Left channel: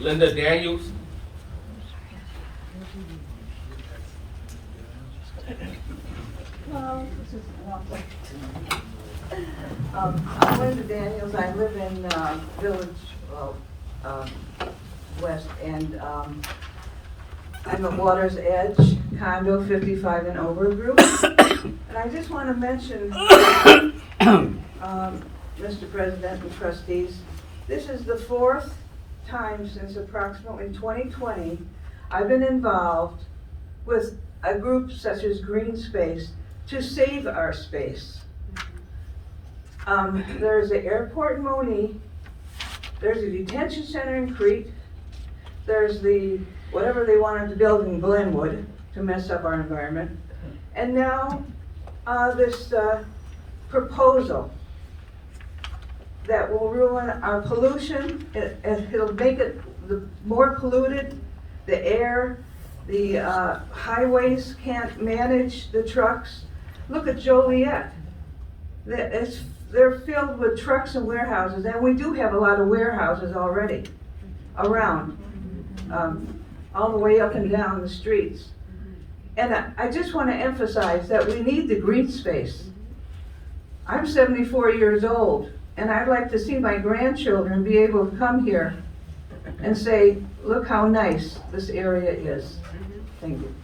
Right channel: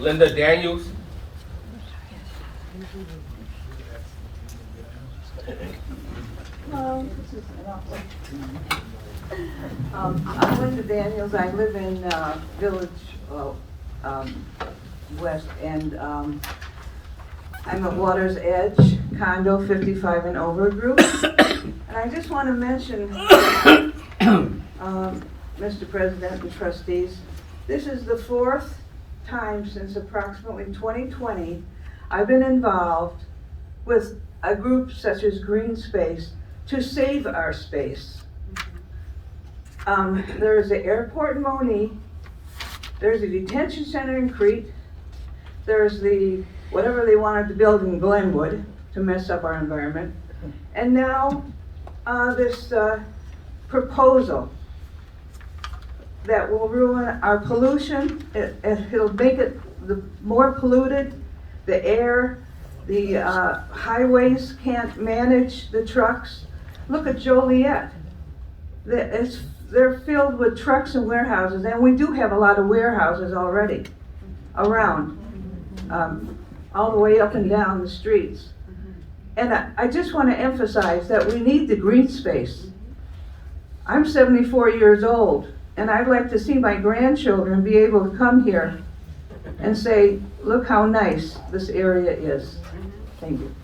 Linda Daniels. Hello, I'm Linda Daniels. I live in Village West, and I'm a Water's Edge condo 55 and over group. And I just want to mention, Mr. President and trustees, this is the fourth time since approximately 2020 I've been involved with a group such as Green Space to save our space. There's the airport in Moni, there's a detention center in Crete, there's the whatever they wanted to build in Glenwood to mess up our environment, and now this proposal that will ruin our pollution. It'll make it more polluted, the air, the highways can't manage the trucks. Look at Joliet. They're filled with trucks and warehouses, and we do have a lot of warehouses already around, all the way up and down the streets. And I just want to emphasize that we need the green space. I'm 74 years old, and I'd like to see my grandchildren be able to come here and say, look how nice this area is. Thank you.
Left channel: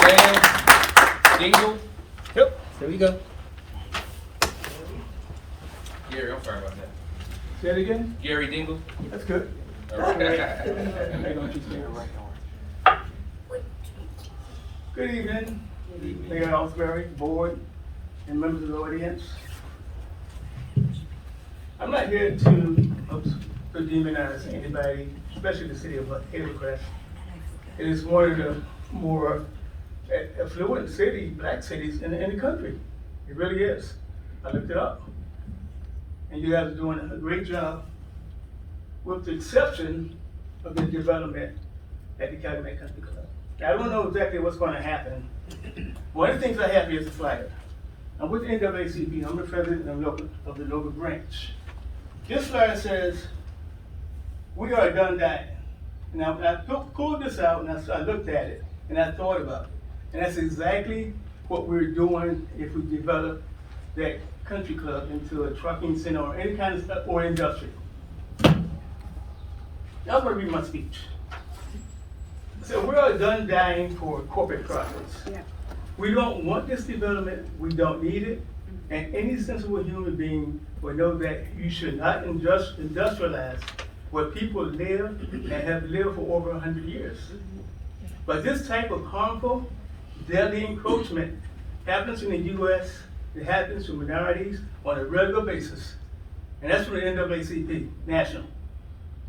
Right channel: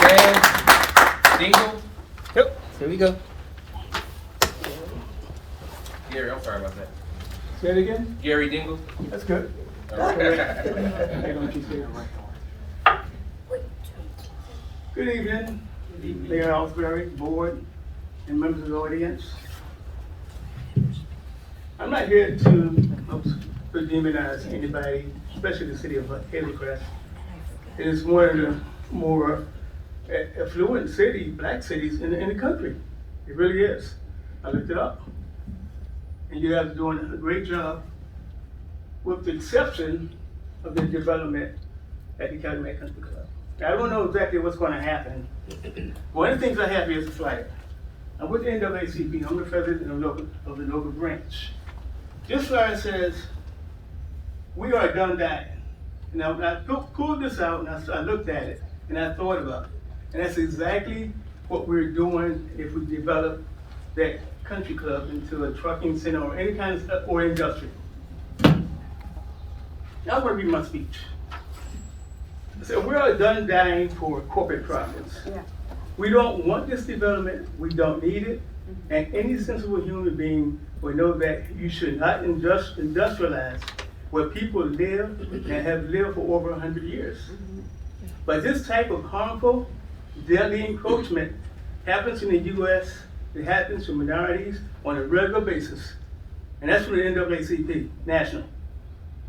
Dan Dingle. Yep, there we go. Gary, I'm sorry about that. Say it again? Gary Dingle. That's good. Good evening, Mayor Ellsbury, board, and members of the audience. I'm not here to demonize anybody, especially the city of Hazel Crest. It is one of the more affluent black cities in the country. It really is. I looked it up. And you guys are doing a great job, with the exception of the development at the Calumet Country Club. I don't know exactly what's going to happen. One of the things I have here is a flyer. I'm with the NAACP. I'm the president of the local branch. This flyer says, "We are done dying." Now, I pulled this out and I looked at it and I thought about it. And that's exactly what we're doing if we develop that country club into a trucking center or any kind of stuff, or industrial. Now I'm going to read my speech. So we are done dying for corporate profits. Yeah. We don't want this development. We don't need it. And any sensible human being will know that you should not industrialize where people live and have lived for over 100 years. But this type of harmful, deadly encroachment happens in the U.S. It happens to minorities on a regular basis. And that's for the NAACP, national.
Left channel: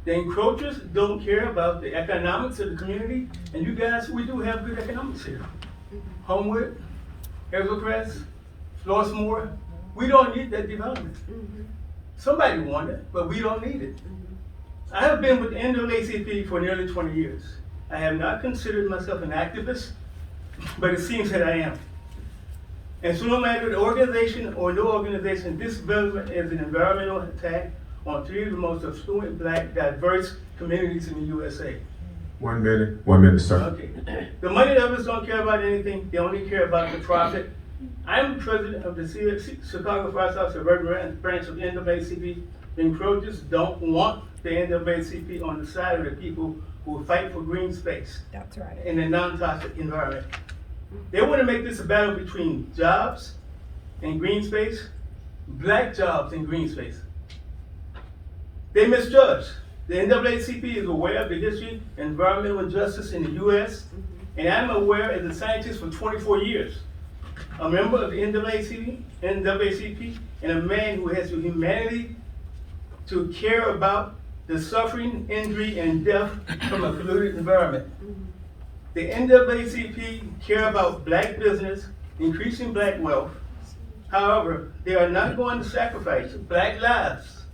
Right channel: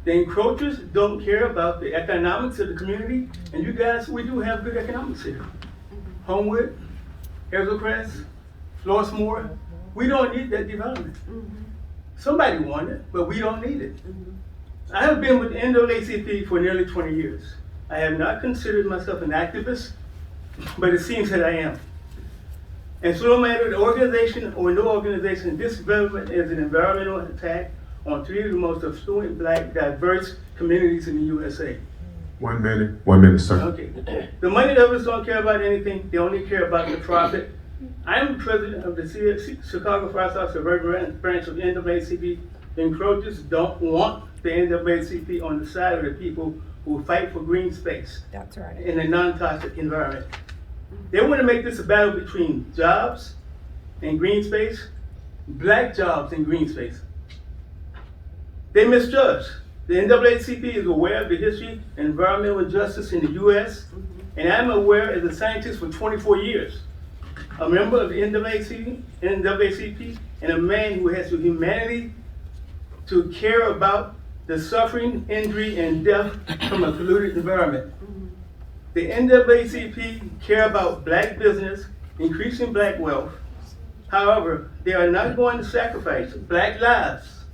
The encroachers don't care about the economics of the community, and you guys, we do have good economics here. Homewood, Hazel Crest, Flossmoor, we don't need that development. Somebody want it, but we don't need it. I have been with the NAACP for nearly 20 years. I have not considered myself an activist, but it seems that I am. And so no matter the organization or no organization, this development is an environmental attack on three of the most affluent, black, diverse communities in the USA. 1 minute, sir. Okay. The money lovers don't care about anything. They only care about the profit. I'm the president of the Chicago Fire South Suburban branch of the NAACP. The encroachers don't want the NAACP on the side of the people who fight for green space. That's right. In a non-toxic environment. They want to make this a battle between jobs and green space, black jobs and green space. They misjudge. The NAACP is aware of the history of environmental injustice in the U.S., and I'm aware as a scientist for 24 years, a member of the NAACP, and a man who has the humanity to care about the suffering, injury, and death from a polluted environment. The NAACP care about black business, increasing black wealth. However, they are not going to sacrifice black lives,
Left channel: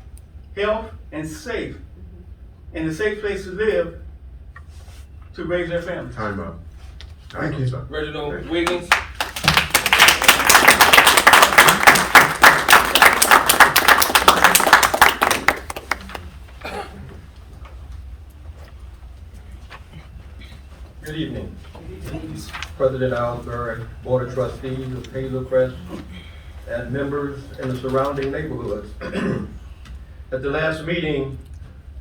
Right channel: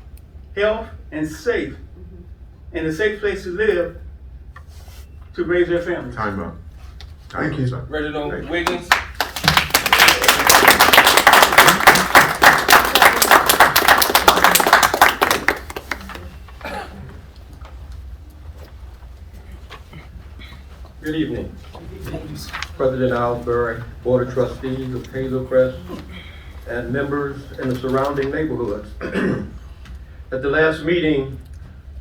health, and a safe place to live to raise their families. Time up. Thank you, sir. Reginald Wiggins. President Alsbury, Board of Trustees of Hazel Crest, and members in the surrounding neighborhoods. At the last meeting,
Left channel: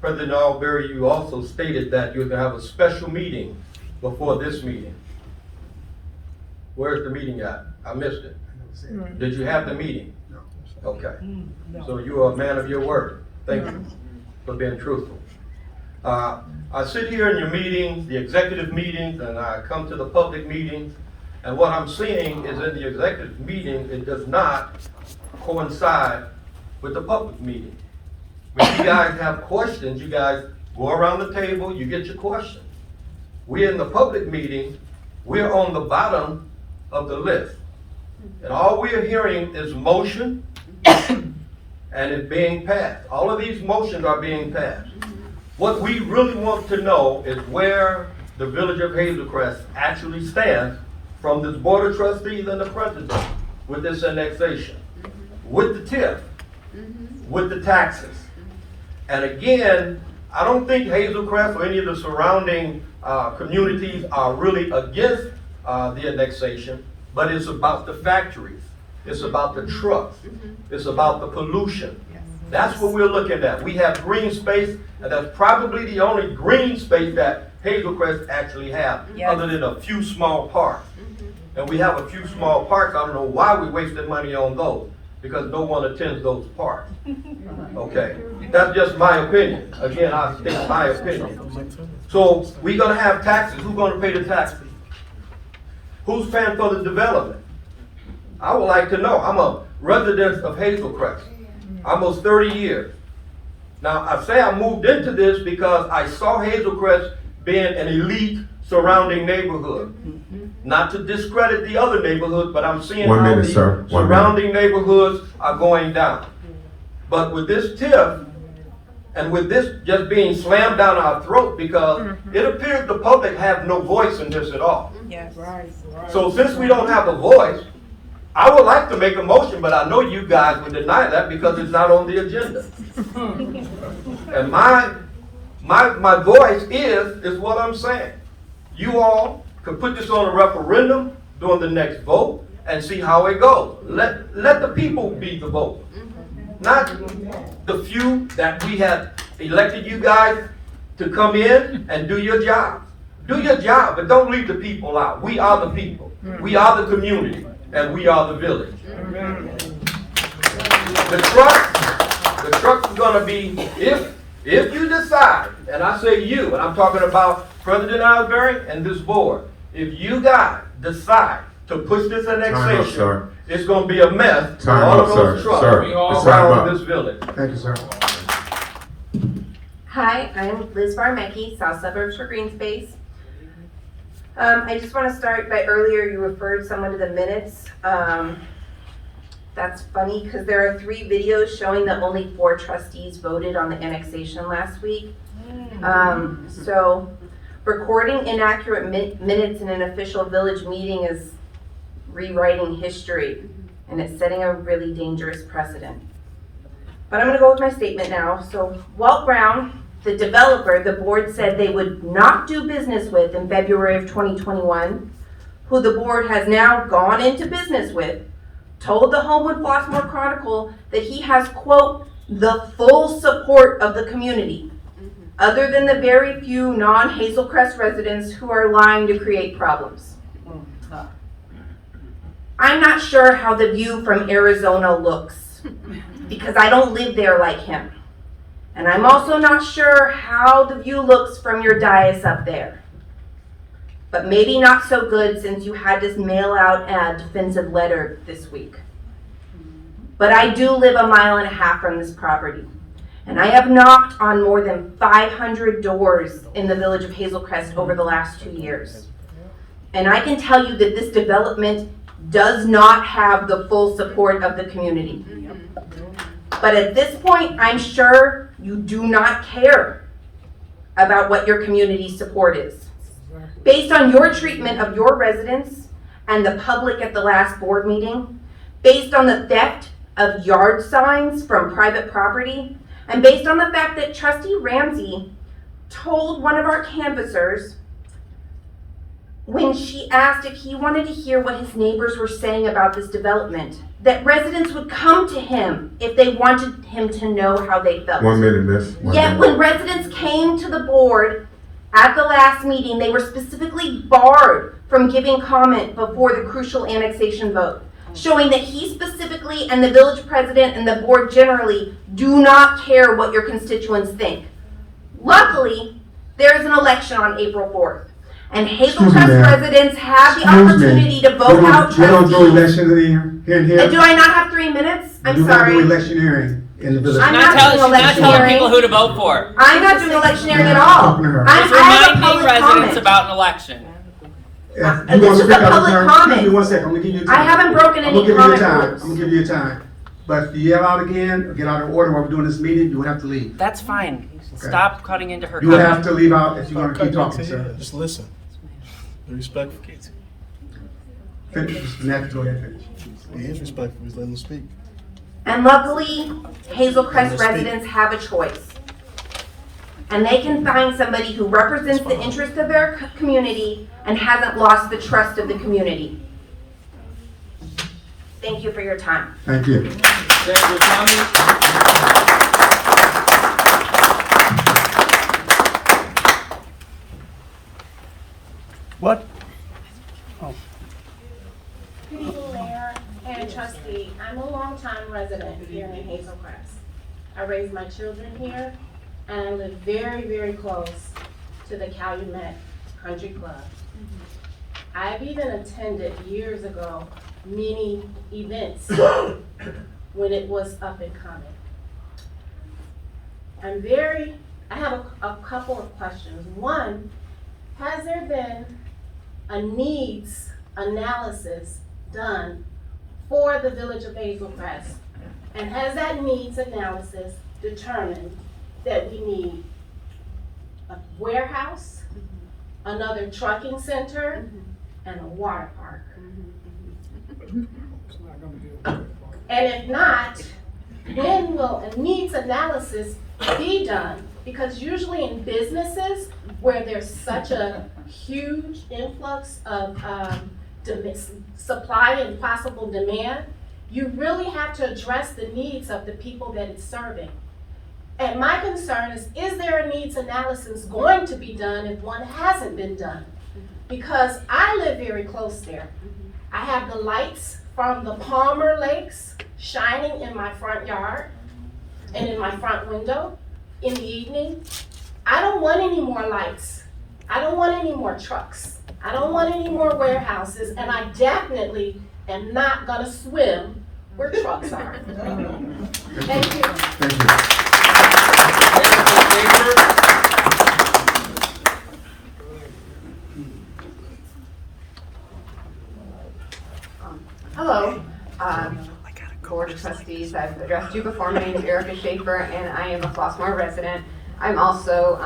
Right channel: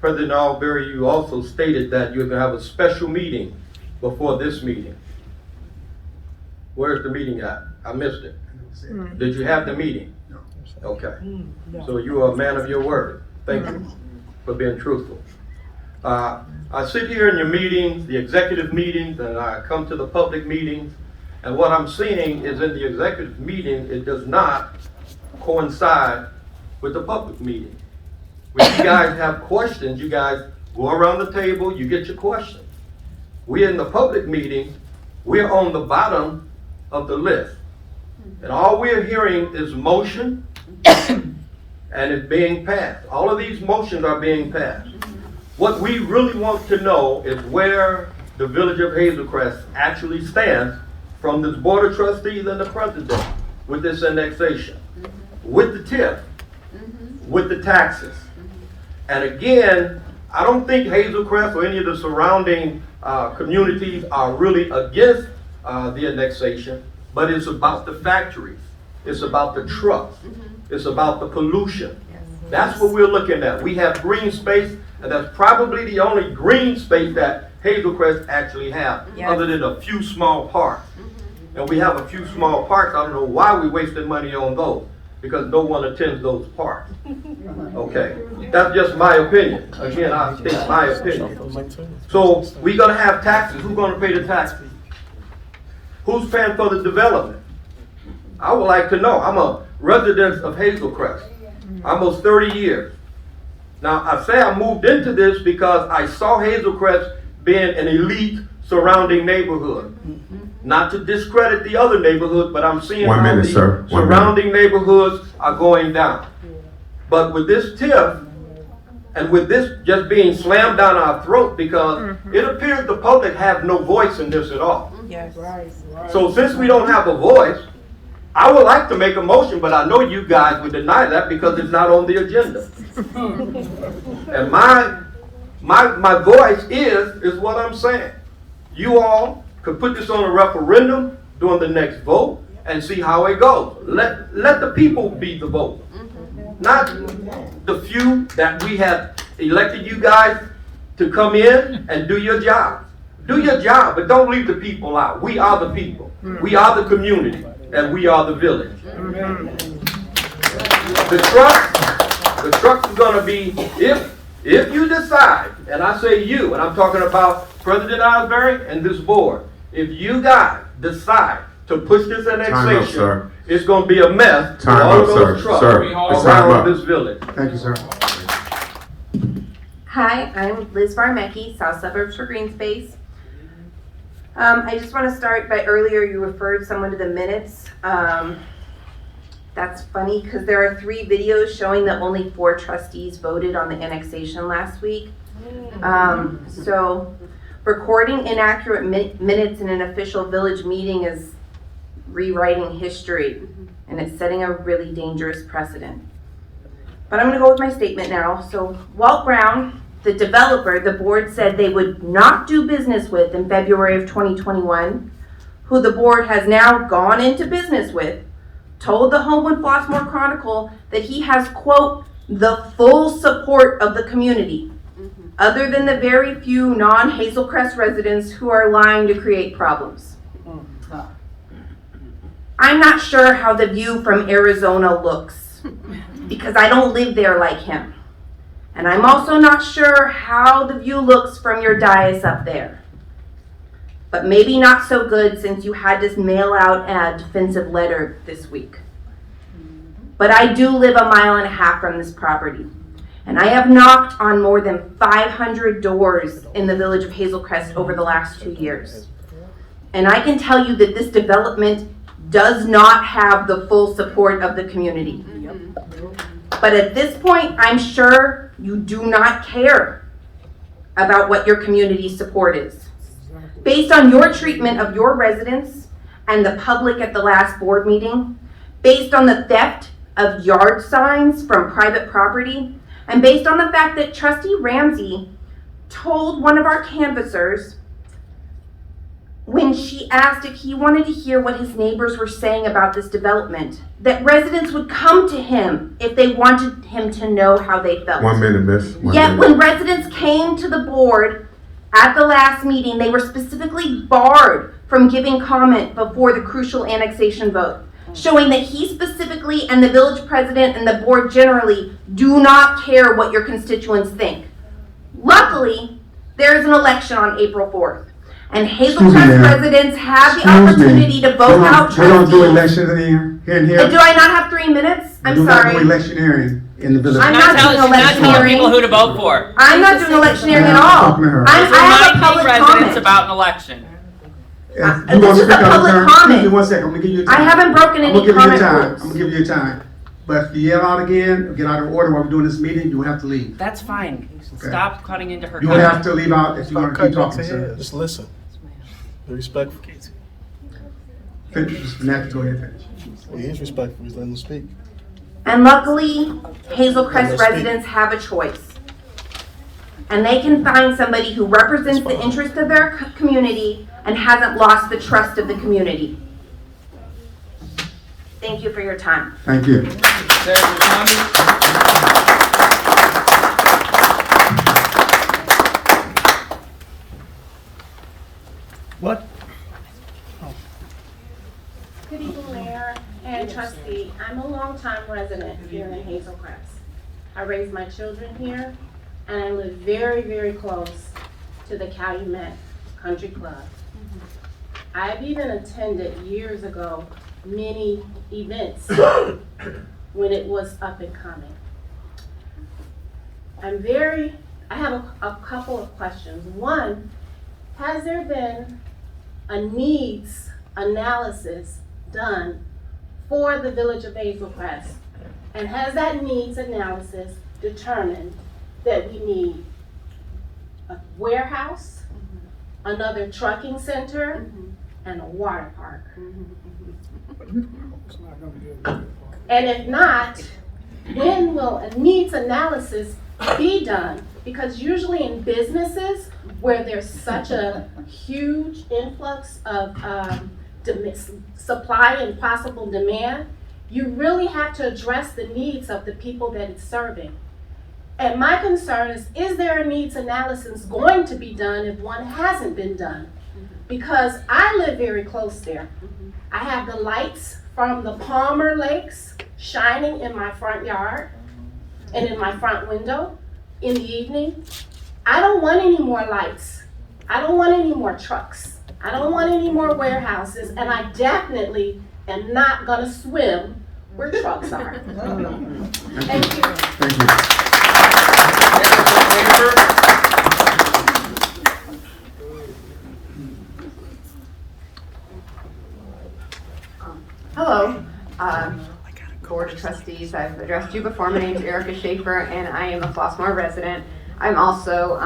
President Alsbury, you also stated that you're gonna have a special meeting before this meeting. Where's the meeting at? I missed it. Did you have the meeting? No. Okay. So you are a man of your word. Thank you for being truthful. I sit here in your meetings, the executive meetings, and I come to the public meetings, and what I'm seeing is in the executive meeting, it does not coincide with the public meeting. When you guys have questions, you guys go around the table, you get your questions. We're in the public meeting, we're on the bottom of the list. And all we're hearing is motion, and it's being passed. All of these motions are being passed. What we really want to know is where the village of Hazel Crest actually stands from this board of trustees and the president with this annexation, with the TIF, with the taxes. And again, I don't think Hazel Crest or any of the surrounding communities are really against the annexation, but it's about the factories. It's about the trucks. It's about the pollution. That's what we're looking at. We have green space, and that's probably the only green space that Hazel Crest actually have, other than a few small parks. And we have a few small parks. I don't know why we're wasting money on those, because no one attends those parks. Okay, that's just my opinion. Again, I state my opinion. So we're gonna have taxes. Who's gonna pay the taxes? Who's paying for the development? I would like to know. I'm a resident of Hazel Crest, almost 30 years. Now, I say I moved into this because I saw Hazel Crest being an elite surrounding neighborhood. Not to discredit the other neighborhoods, but I'm seeing how the surrounding neighborhoods are going down. But with this TIF, and with this just being slammed down our throat, because it appears the public have no voice in this at all. Yes. So since we don't have a voice, I would like to make a motion, but I know you guys would deny that because it's not on the agenda. And my voice is what I'm saying. You all could put this on a referendum during the next vote and see how it goes. Let the people be the vote. Not the few that we have elected you guys to come in and do your job. Do your job, but don't leave the people out. We are the people. We are the community, and we are the village. The trucks are gonna be, if you decide, and I say you, and I'm talking about President Alsbury and this board, if you guys decide to push this annexation, it's gonna be a mess for all of those trucks around this village. Thank you, sir. Hi, I'm Liz Varmecki, South Suburbs for Green Space. I just want to start by earlier you referred someone to the minutes. That's funny because there are 3 videos showing that only 4 trustees voted on the annexation last week. So recording inaccurate minutes in an official village meeting is rewriting history, and it's setting a really dangerous precedent. But I'm going to go with my statement now. So Walt Brown, the developer, the board said they would not do business with in February of 2021, who the board has now gone into business with, told the Homewood-Flossmoor Chronicle that he has, quote, the full support of the community, other than the very few non-Hazel Crest residents who are lying to create problems. I'm not sure how the view from Arizona looks, because I don't live there like him. And I'm also not sure how the view looks from your dais up there. But maybe not so good since you had to mail out a defensive letter this week. But I do live a mile and a half from this property. And I have knocked on more than 500 doors in the village of Hazel Crest over the last 2 years. And I can tell you that this development does not have the full support of the community. But at this point, I'm sure you do not care about what your community support is. Based on your treatment of your residents and the public at the last board meeting, based on the theft of yard signs from private property, and based on the fact that Trustee Ramsey told one of our canvassers when she asked if he wanted to hear what his neighbors were saying about this development, that residents would come to him if they wanted him to know how they felt. 1 minute, miss. Yet when residents came to the board at the last meeting, they were specifically barred from giving comment before the crucial annexation vote, showing that he specifically and the village president and the board generally do not care what your constituents think. Luckily, there is an election on April 4th, and Hazel Crest residents have the opportunity to vote out We don't do trustees. elections in here and here. And do I not have 3 minutes? I'm We do not do sorry. electioneering in the village. I'm She's not not doing telling electioneering. people who to vote for. I'm not doing electioneering at all. Talking to her. I She's have a reminding public residents comment. about an election. If this you want is to speak a out of public turn, comment. excuse me 1 second, I'm gonna give you time. I haven't broken I'm any gonna give you comment time. rules. I'm gonna give you time. But if you yell out again, or get out of order while we're doing this meeting, you will have to leave. That's fine. Okay. Stop cutting into her You will have comment. to leave out if you're gonna keep talking, sir. Just listen. Be respectful. Finish, Mr. Natty, go ahead and finish. He is respectful. He's letting them speak. And luckily, Hazel Crest residents have a choice. And they can find somebody who represents the interest of their community and hasn't lost the trust of the community. Thank you for your time. Thank you. Senator Thomas. What? Good evening, Mayor and trustee. I'm a longtime resident here in Hazel Crest. I raised my children here, and I live very, very close to the Calumet Country Club. I've even attended years ago many events when it was up and coming. I have a couple of questions. One, has there been a needs analysis done for the village of Hazel Crest? And has that needs analysis determined that we need a warehouse, another trucking center, and a water park? And if not, when will a needs analysis be done? Because usually in businesses where there's such a huge influx of supply and possible demand, you really have to address the needs of the people that it's serving. And my concern is there a needs analysis going to be done if one hasn't been done? Because I live very close there. I have the lights from the Palmer Lakes shining in my front yard and in my front window in the evening. I don't want any more lights. I don't want any more trucks. I don't want any more warehouses, and I definitely am not gonna swim where trucks are. Thank you. Thank you. Hello, Board of Trustees. I've addressed you before. My name is Erica Schaefer, and I am a Flossmoor resident. I'm also,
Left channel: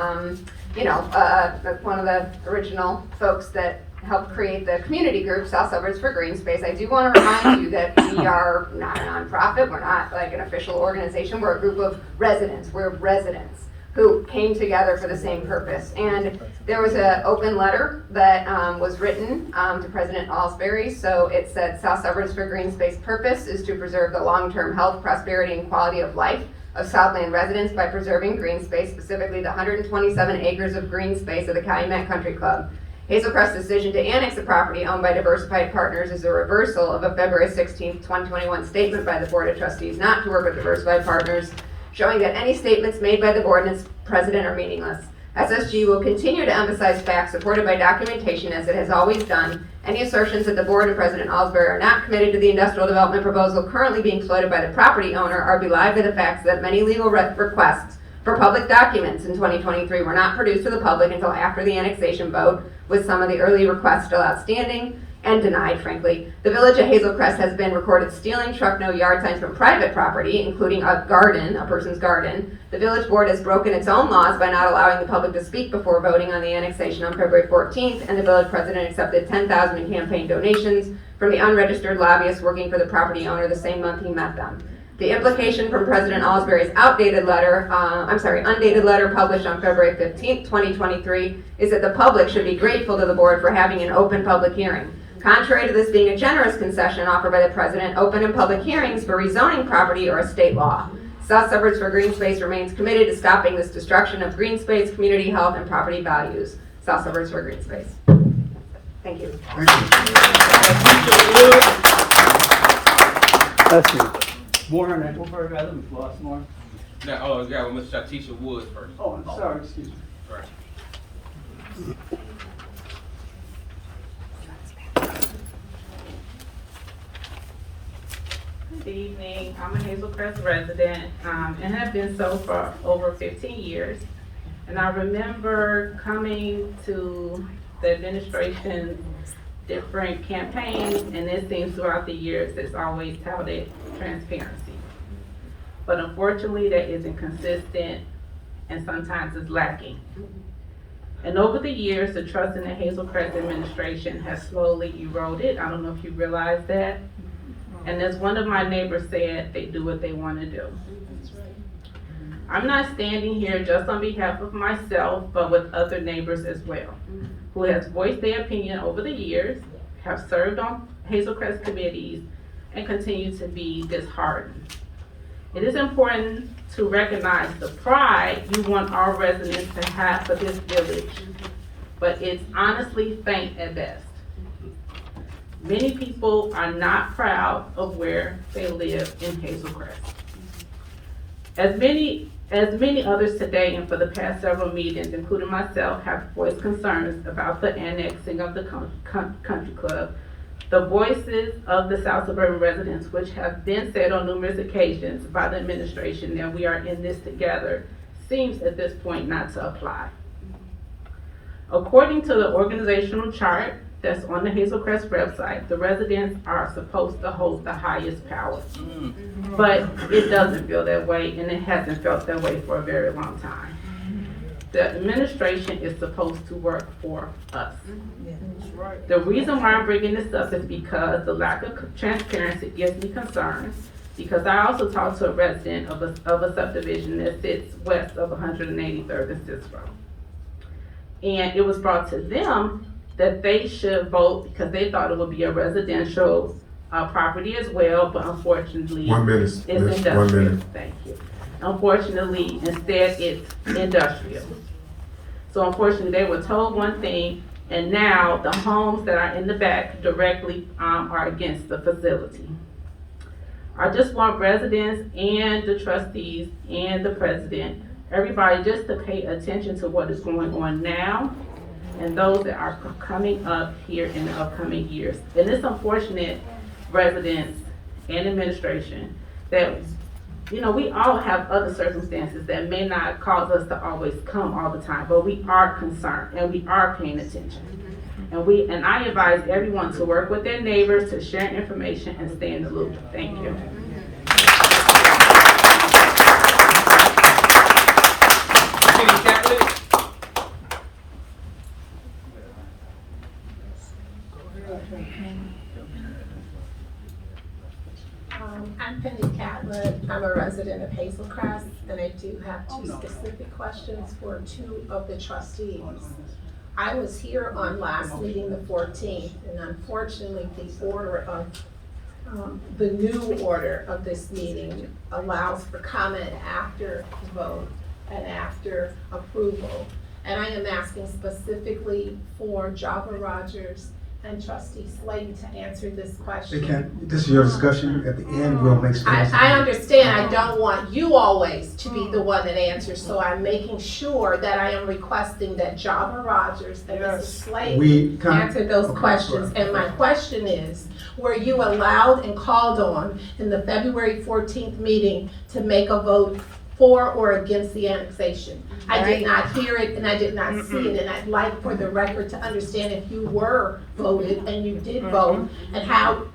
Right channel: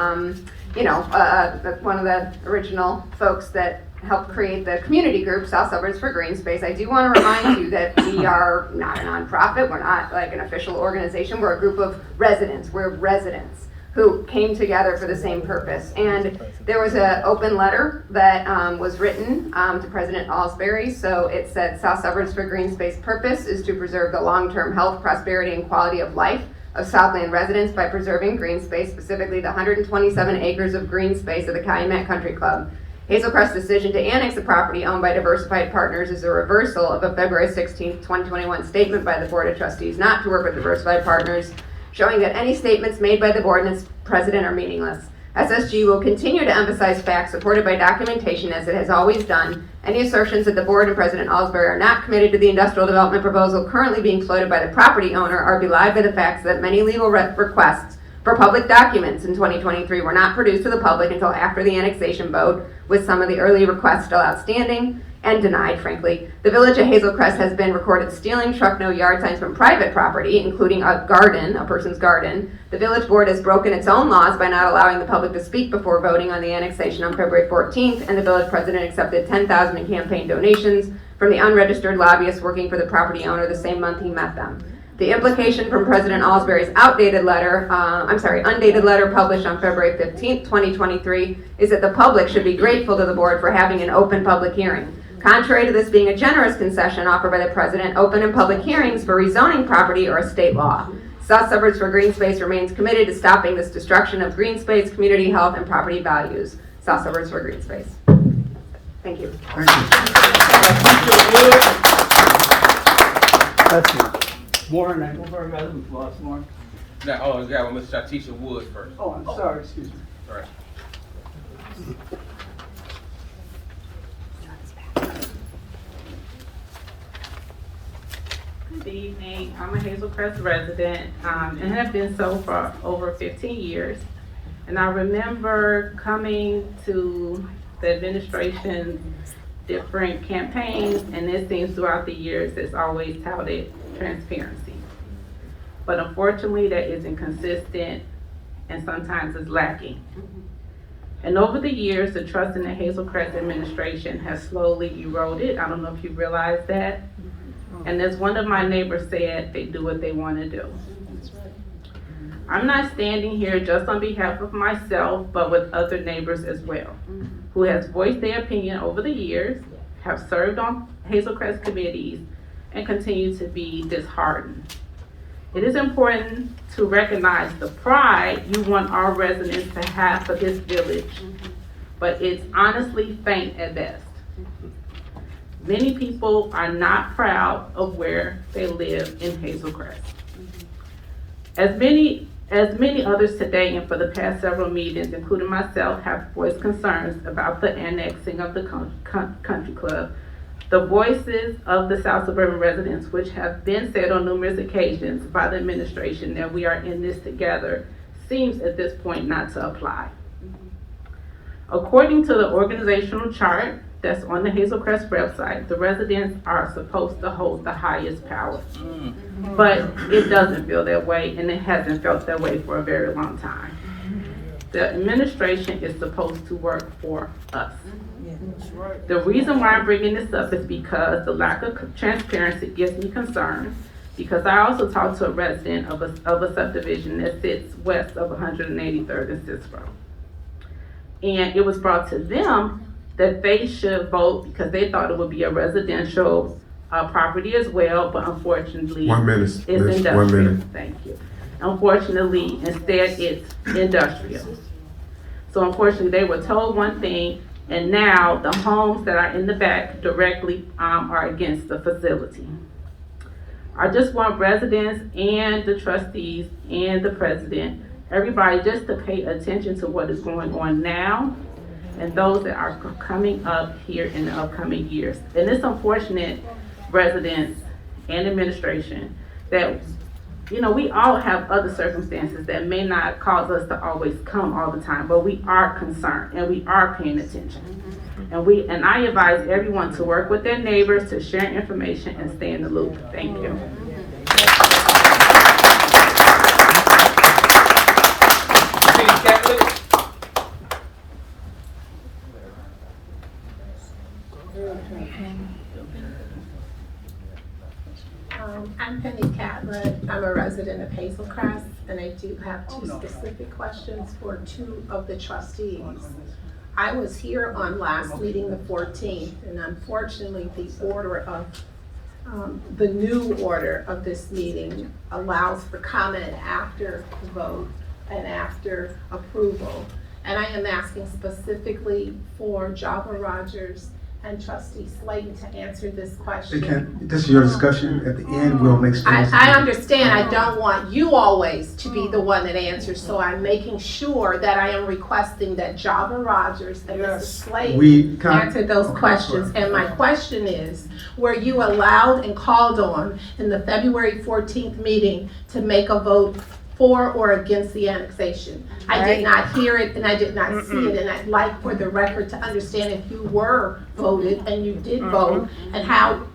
one of the original folks that helped create the community group, South Suburbs for Green Space. I do want to remind you that we are not a nonprofit. We're not like an official organization. We're a group of residents. We're residents who came together for the same purpose. And there was an open letter that was written to President Alsbury. So it said, South Suburbs for Green Space purpose is to preserve the long-term health, prosperity, and quality of life of Southland residents by preserving green space, specifically the 127 acres of green space of the Calumet Country Club. Hazel Crest's decision to annex the property owned by Diversified Partners is a reversal of a February 16, 2021 statement by the Board of Trustees not to work with Diversified Partners, showing that any statements made by the board and its president are meaningless. SSG will continue to emphasize facts supported by documentation as it has always done. Any assertions that the board and President Alsbury are not committed to the industrial development proposal currently being floated by the property owner are belied by the facts that many legal requests for public documents in 2023 were not produced to the public until after the annexation vote, with some of the early requests still outstanding and denied, frankly. The village of Hazel Crest has been recorded stealing truck no yard signs from private property, including a garden, a person's garden. The village board has broken its own laws by not allowing the public to speak before voting on the annexation on February 14th, and the village president accepted $10,000 in campaign donations from the unregistered lobbyists working for the property owner the same month he met them. The implication from President Alsbury's undated letter published on February 15th, 2023, is that the public should be grateful to the board for having an open public hearing. Contrary to this being a generous concession offered by the president, open and public hearings for rezoning property are a state law. South Suburbs for Green Space remains committed to stopping this destruction of green space, community health, and property values. South Suburbs for Green Space. Thank you. Thank you. Let's see. Warren Eichelberg, I live in Flossmoor. Now, hold on, you got Miss Shatisha Woods first. Oh, I'm sorry, excuse me. All right. Good evening. I'm a Hazel Crest resident and have been so for over 15 years. And I remember coming to the administration's different campaigns, and it seems throughout the years it's always touted transparency. But unfortunately, that isn't consistent and sometimes is lacking. And over the years, the trust in the Hazel Crest administration has slowly eroded. I don't know if you realize that. And as one of my neighbors said, they do what they want to do. I'm not standing here just on behalf of myself, but with other neighbors as well, who has voiced their opinion over the years, have served on Hazel Crest committees, and continue to be disheartened. It is important to recognize the pride you want our residents to have for this village, but it's honestly faint at best. Many people are not proud of where they live in Hazel Crest. As many others today and for the past several meetings, including myself, have voiced concerns about the annexing of the country club, the voices of the South Suburban residents, which have been said on numerous occasions by the administration that we are in this together, seems at this point not to apply. According to the organizational chart that's on the Hazel Crest website, the residents are supposed to hold the highest power. But it doesn't feel that way, and it hasn't felt that way for a very long time. The administration is supposed to work for us. The reason why I'm bringing this up is because the lack of transparency gives me concern, because I also talked to a resident of a subdivision that sits west of 183rd and Cicero. And it was brought to them that they should vote because they thought it would be a residential property as well, but unfortunately, 1 minute, it's miss, industrial. 1 minute. Thank you. Unfortunately, instead, it's industrial. So unfortunately, they were told one thing, and now the homes that are in the back directly are against the facility. I just want residents and the trustees and the president, everybody just to pay attention to what is going on now and those that are coming up here in the upcoming years. And it's unfortunate, residents and administration, that we all have other circumstances that may not cause us to always come all the time, but we are concerned and we are paying attention. And I advise everyone to work with their neighbors to share information and stay in the loop. Thank you. I'm Penny Catlett. I'm a resident of Hazel Crest, and I do have two specific questions for two of the trustees. I was here on last meeting, the 14th, and unfortunately the order of the new order of this meeting allows for comment after the vote and after approval. And I am asking specifically for Java Rogers and Trustee Slayton to answer this question. This is your discussion. At the end, we'll make statements. I understand. I don't want you always to be the one that answers, so I'm making sure that I am requesting that Java Rogers and Mrs. Slayton answer those questions. And my question is, were you allowed and called on in the February 14th meeting to make a vote for or against the annexation? I did not hear it and I did not see it, and I'd like for the record to understand if you were voted and you did vote, and how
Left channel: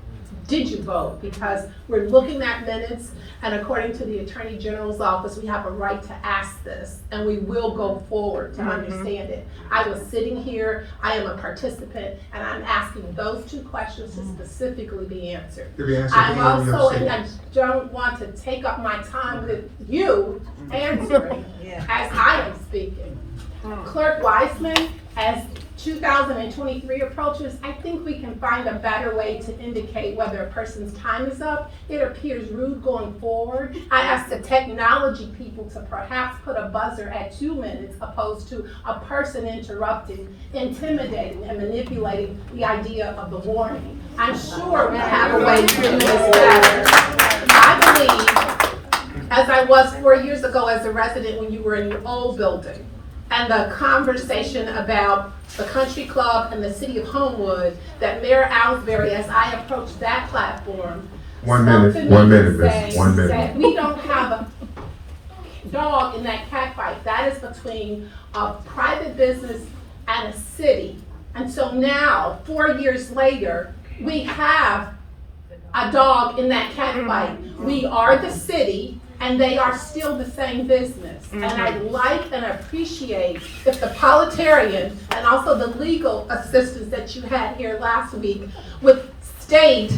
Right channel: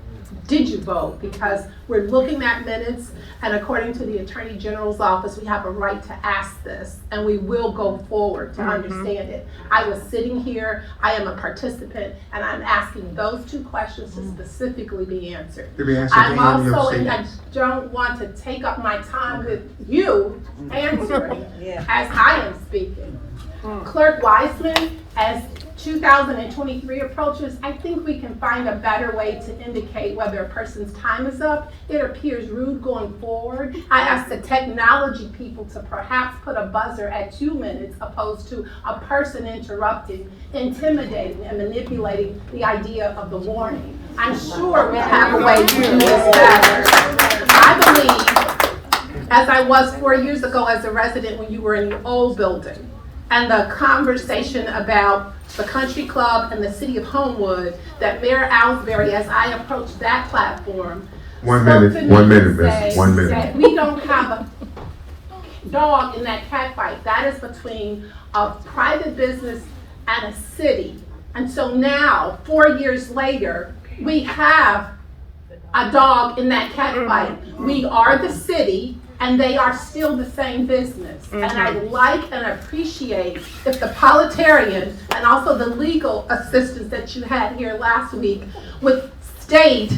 did you vote? Because we're looking at minutes, and according to the Attorney General's office, we have a right to ask this, and we will go forward to understand it. I was sitting here, I am a participant, and I'm asking those two questions to specifically be answered. To be answered at I'm the end of your also, and statement. I don't want to take up my time with you answering as I am speaking. Clerk Wiseman, as 2023 approaches, I think we can find a better way to indicate whether a person's time is up. It appears rude going forward. I asked the technology people to perhaps put a buzzer at 2 minutes opposed to a person interrupting, intimidating, and manipulating the idea of the warning. I'm sure we have a way to do this better. I believe, as I was 4 years ago as a resident when you were in the old building, and the conversation about the country club and the city of Homewood, that Mayor Ellsbury, as I approached that platform, One spoke minute, to me 1 and minute, miss, said 1 minute. that we don't have a dog in that cat fight. That is between a private business and a city. And so now, 4 years later, we have a dog in that cat fight. We are the city, and they are still the same business. And I like and appreciate if the parliamentarian and also the legal assistance that you had here last week would state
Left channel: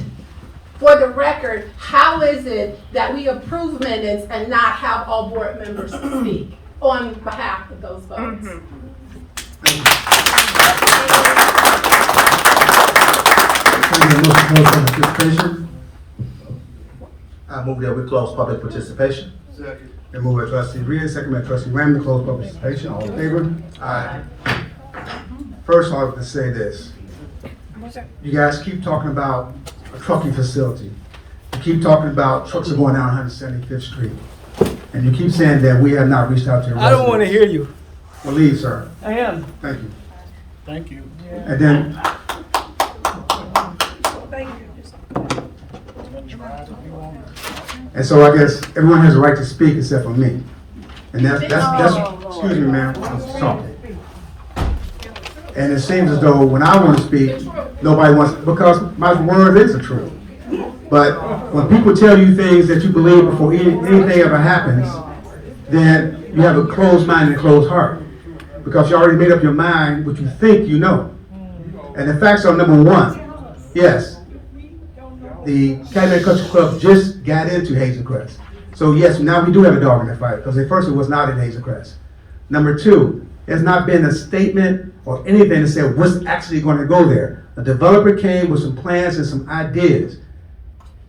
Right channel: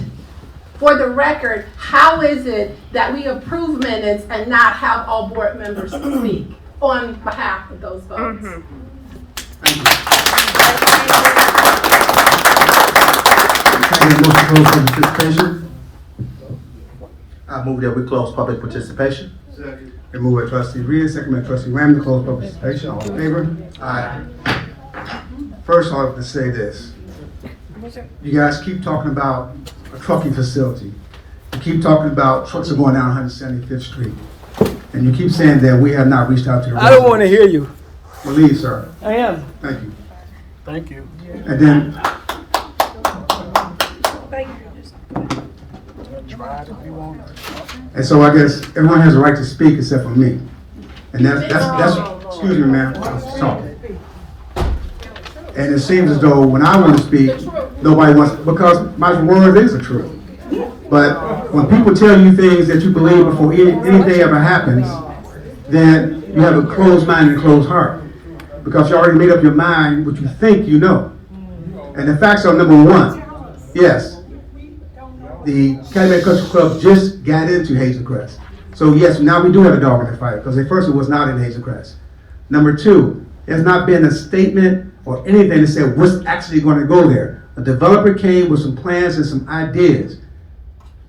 for the record, how is it that we approve minutes and not have all board members speak on behalf of those votes? Can I get a motion to close public participation? I move that we close public participation. Second. Been moved by trustee Reed, second by trustee Ram to close public participation. All in favor? Aye. First, I have to say this. You guys keep talking about a trucking facility. You keep talking about trucks are going down 175th Street. And you keep saying that we have not reached out to your I don't want to hear you. Well, leave, sir. I am. Thank you. Thank you. And then, and so I guess everyone has a right to speak except for me. And that's, excuse me, ma'am, I'm talking. And it seems as though when I want to speak, nobody wants, because my word is the truth. But when people tell you things that you believe before anything ever happens, then you have a closed mind and a closed heart. Because you already made up your mind what you think you know. And the facts are, number one, yes, the Calumet Country Club just got into Hazel Crest. So yes, now we do have a dog in the fight, because at first it was not in Hazel Crest. Number two, there's not been a statement or anything to say what's actually going to go there. A developer came with some plans and some ideas.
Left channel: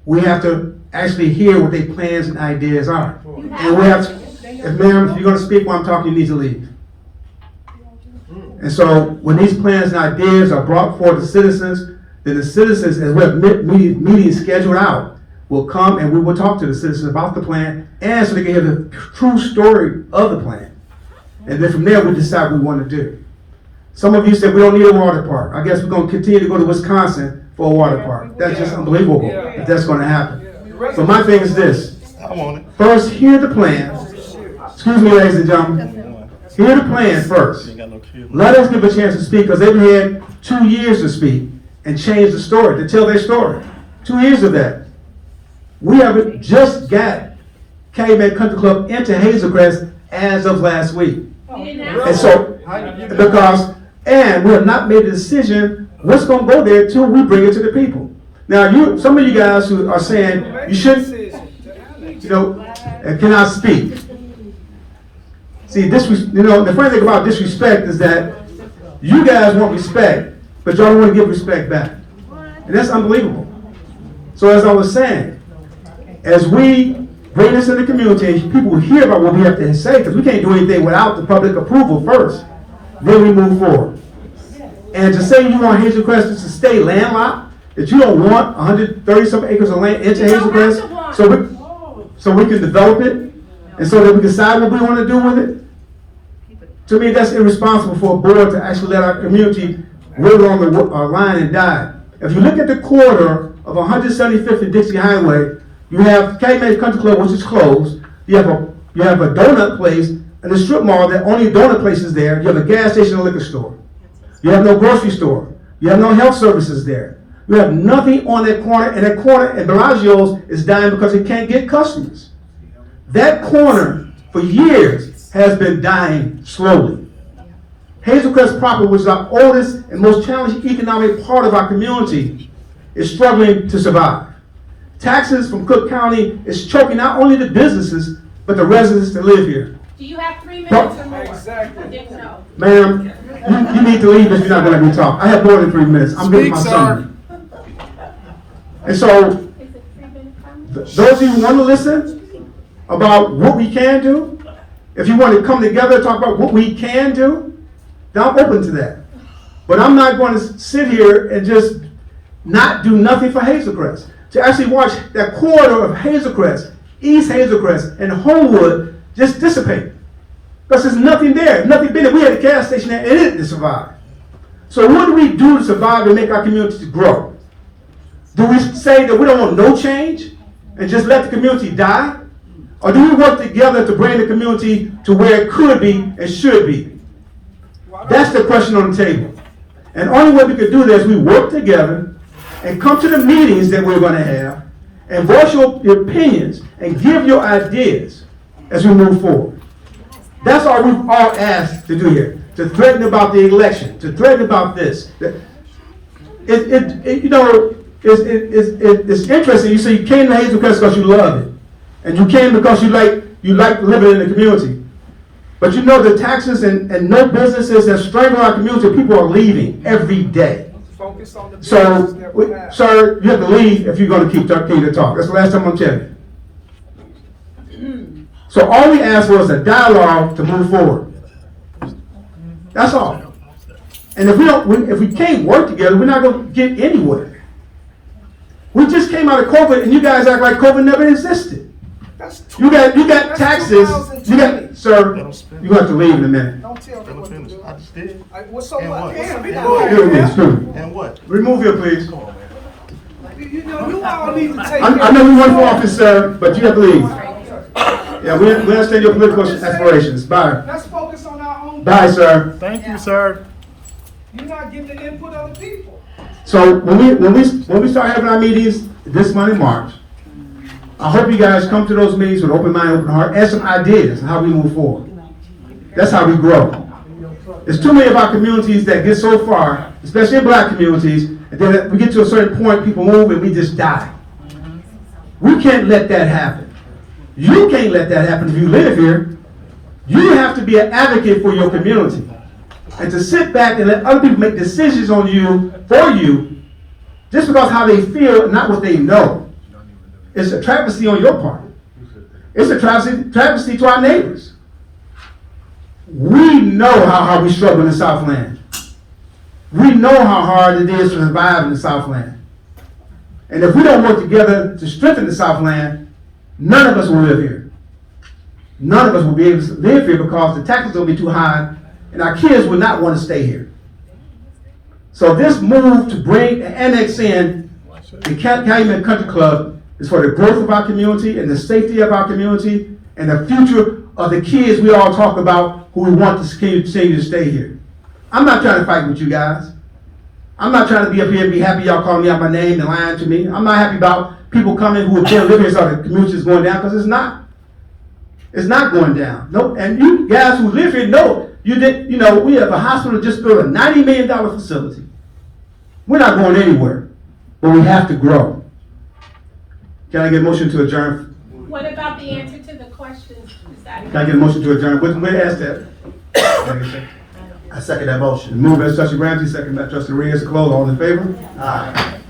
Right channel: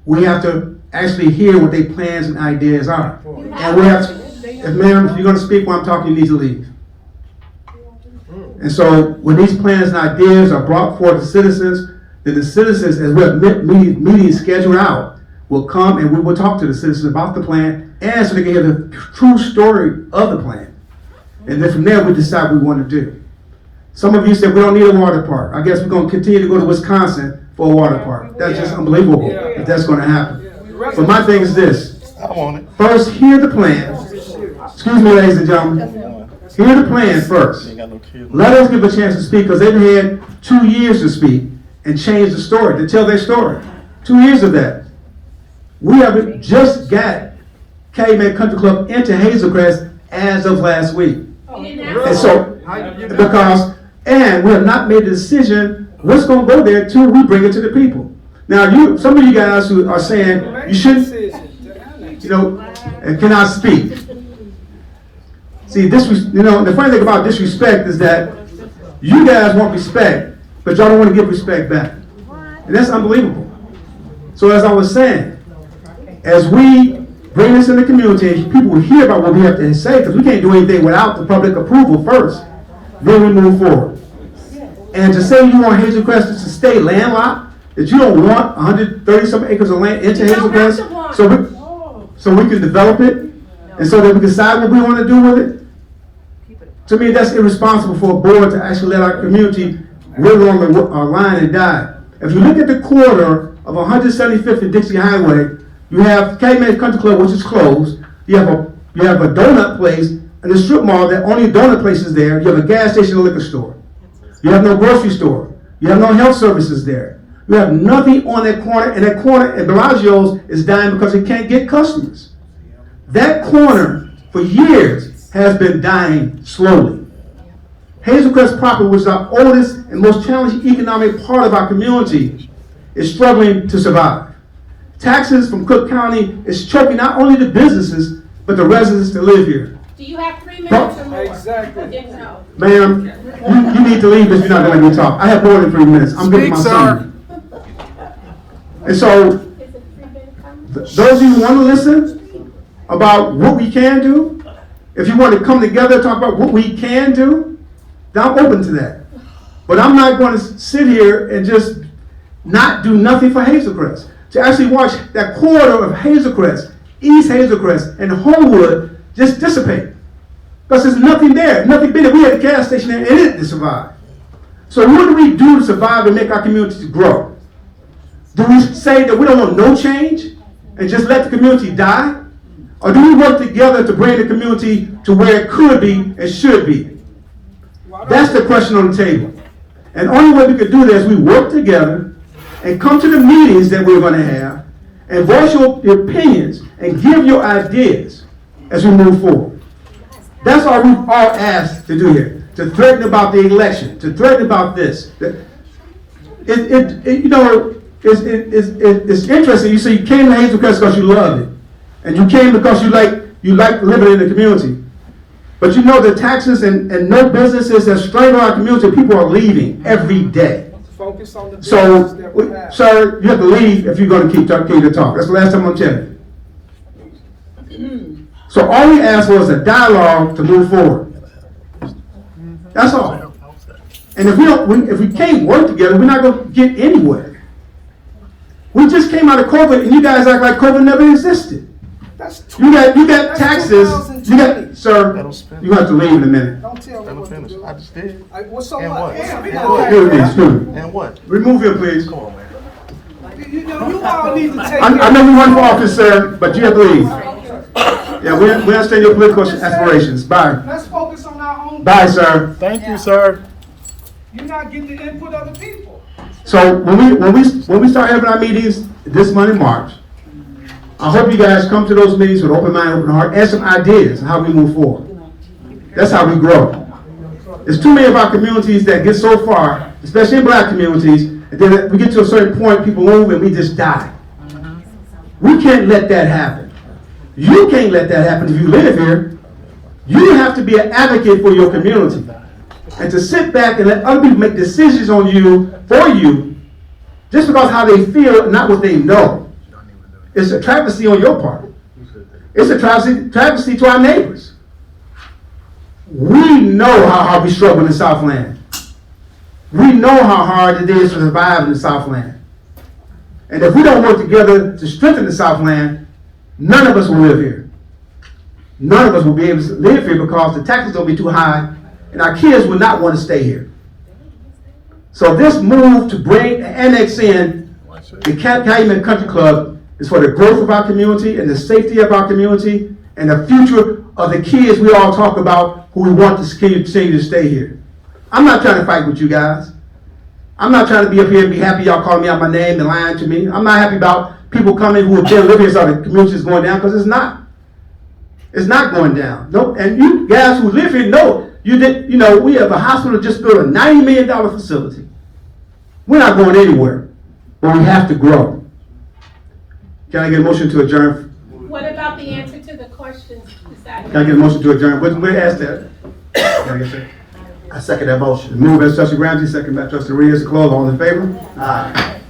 We have to actually hear what their plans and ideas are. And we have to, ma'am, if you're going to speak while I'm talking, you need to leave. And so when these plans and ideas are brought forward to citizens, then the citizens, as we have meetings scheduled out, will come and we will talk to the citizens about the plan, and so they can hear the true story of the plan. And then from there, we decide what we want to do. Some of you said we don't need a water park. I guess we're going to continue to go to Wisconsin for a water park. That's just unbelievable if that's going to happen. But my thing is this. I want it. First, hear the plan. Excuse me, ladies and gentlemen. Hear the plan first. Let us give a chance to speak, because they've had 2 years to speak and change the story, to tell their story. 2 years of that. We have just got Calumet Country Club into Hazel Crest as of last week. And so, and we have not made a decision what's going to go there till we bring it to the people. Now, some of you guys who are saying you shouldn't, and cannot speak. See, the funny thing about disrespect is that you guys want respect, but y'all don't want to give respect back. And that's unbelievable. So as I was saying, as we bring this in the community, people will hear about what we have to say, because we can't do anything without the public approval first. Then we move forward. And to say you want Hazel Crest to stay landlocked, that you don't want 130-some acres of land into Hazel Crest, so we can develop it, and so that we can decide what we want to do with it. To me, that's irresponsible for a board to actually let our community wither on the line and die. If you look at the corridor of 175th and Dixie Highway, you have Calumet Country Club, which is closed. You have a donut place and a strip mall that only donut place is there. You have a gas station and a liquor store. You have no grocery store. You have no health services there. You have nothing on that corner, and that corner at Bellagio's is dying because it can't get customers. That corner, for years, has been dying slowly. Hazel Crest proper, which is our oldest and most challenging economic part of our community, is struggling to survive. Taxes from Cook County is choking not only the businesses, but the residents that live here. Do you have 3 minutes or more? Exactly. Ma'am, you need to leave if you're not gonna let me talk. I have more than 3 minutes. I'm giving my summary. And so, those of you who want to listen about what we can do, if you want to come together and talk about what we can do, then I'm open to that. But I'm not going to sit here and just not do nothing for Hazel Crest. To actually watch that corridor of Hazel Crest, East Hazel Crest, and Homewood just dissipate. Because there's nothing there, nothing been there. We had a gas station there and it didn't survive. So what do we do to survive and make our community grow? Do we say that we don't want no change and just let the community die? Or do we work together to bring the community to where it could be and should be? That's the question on the table. And the only way we could do that is we work together and come to the meetings that we're going to have and voice your opinions and give your ideas as we move forward. That's all we've all asked to do here. To threaten about the election, to threaten about this. It's interesting. You say you came to Hazel Crest because you love it. And you came because you like living in the community. But you know the taxes and no businesses that strangle our community, people are leaving every day. So, sir, you have to leave if you're going to keep to talk. That's the last time I'm telling you. So all we asked was a dialogue to move forward. That's all. And if we can't work together, we're not going to get anywhere. We just came out of COVID, and you guys act like COVID never existed. You got taxes. Sir, you have to leave in a minute. I just did. What's so And much? what? Excuse me. And what? Remove here, please. Come on, man. You all need to take I know you run for office, sir, but you have to leave. Yeah, we understand your political aspirations. Bye. Let's focus on our own. Bye, sir. Thank you, sir. You're not getting the input of the people. So when we start having our meetings this month in March, I hope you guys come to those meetings with open mind, open heart, and some ideas on how we move forward. That's how we grow. There's too many of our communities that get so far, especially in black communities, and then we get to a certain point, people move and we just die. We can't let that happen. You can't let that happen if you live here. You have to be an advocate for your community. And to sit back and let other people make decisions on you, for you, just because how they feel and not what they know. It's a travesty on your part. It's a travesty to our neighbors. We know how hard we struggle in the Southland. We know how hard it is to survive in the Southland. And if we don't work together to strengthen the Southland, none of us will live here. None of us will be able to live here because the taxes will be too high and our kids will not want to stay here. So this move to bring and annex in the Calumet Country Club is for the growth of our community and the safety of our community and the future of the kids we all talk about who we want to continue to stay here. I'm not trying to fight with you guys. I'm not trying to be up here and be happy y'all calling me out my name and lying to me. I'm not happy about people coming who have been living here so the community is going down, because it's not. It's not going down. No, and you guys who live here know we have a hospital just built a $90 million facility. We're not going anywhere, but we have to grow. Can I get a motion to adjourn? What about the answer to the questions? Can I get a motion to adjourn? We'll ask that. Can I get a second? I second that motion. Move by Trustee Ramsey, second by Trustee Reyes to close. All in favor? Aye.